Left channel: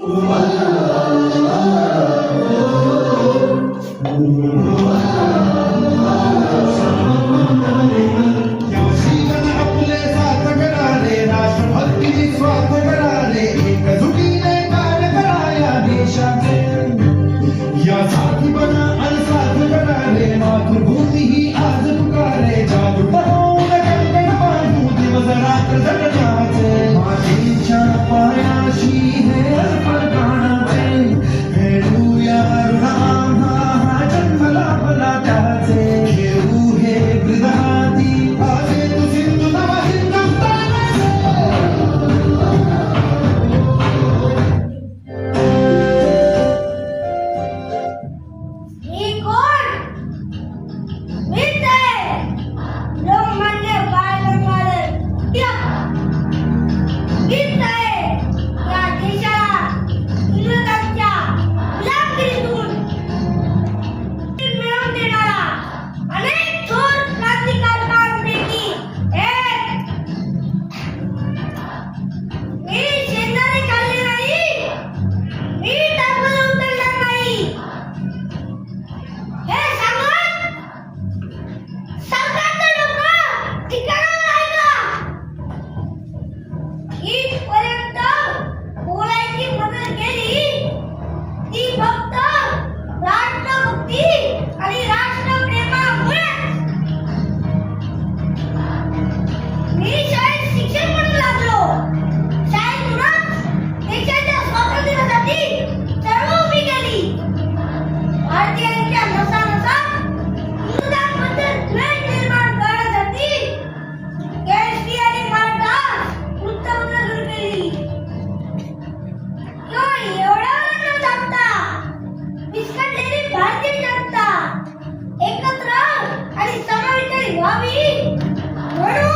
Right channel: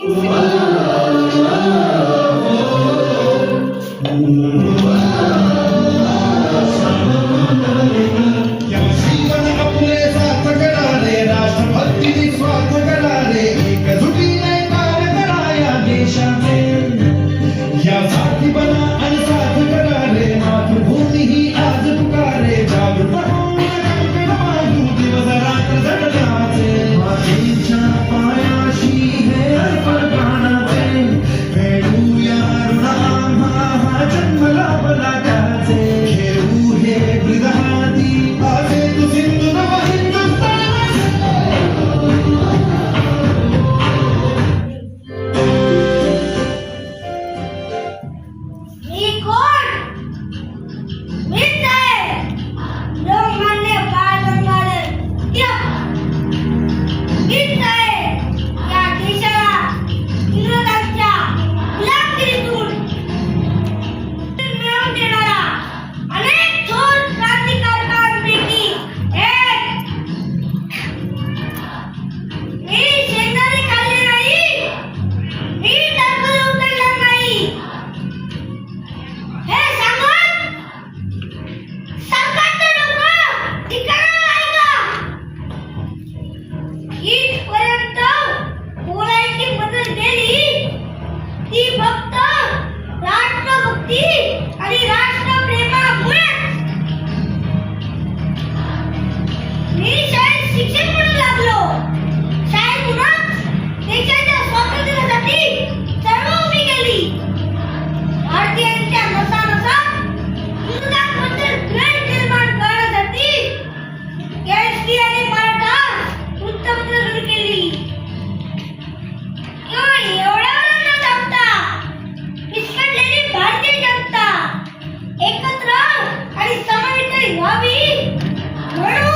Wow. ती फक्त राष्ट्रभक्ती Bobby! Where